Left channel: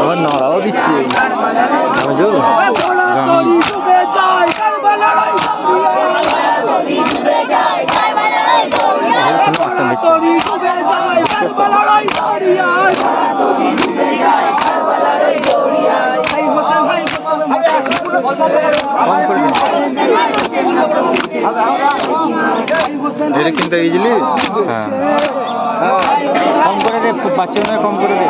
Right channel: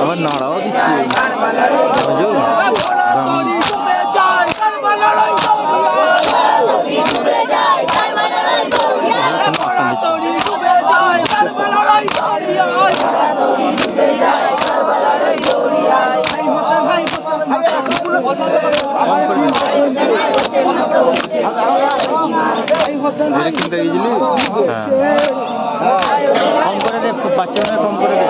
আমার নাড়াও দিচ্ছে এটা কিনতে গেছিলি? হ্যাঁ কম করে দে, বাচ্চা মনে কম করে দে।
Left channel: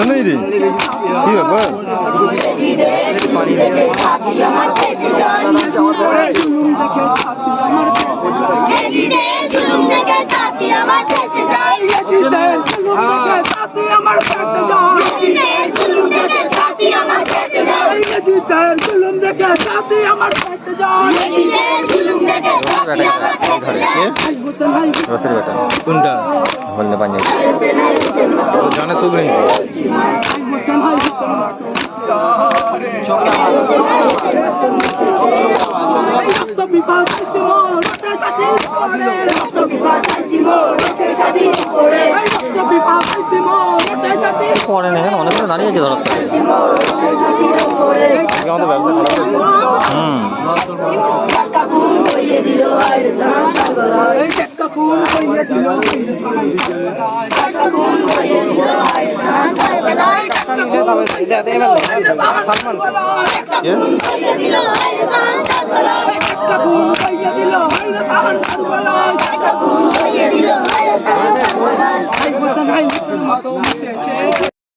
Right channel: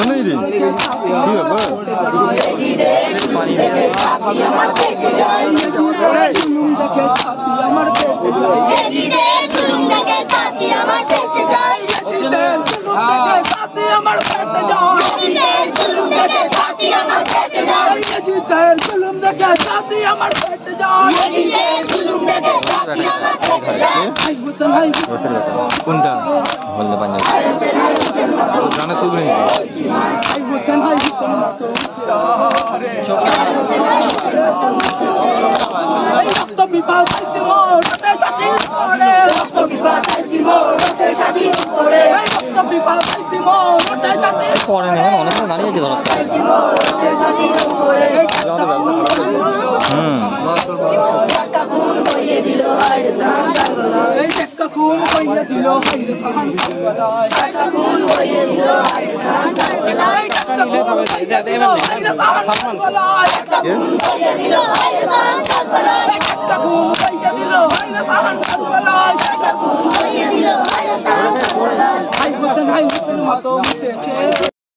नहीं रे কি ব্যাপার পানি দিয়ে কোনটা বলতে পারি জানে তো নেই পরে নেই অনেকগুলো দাঁড়িয়ে আছে ধরার আমাদের ব্যবসা খারাপ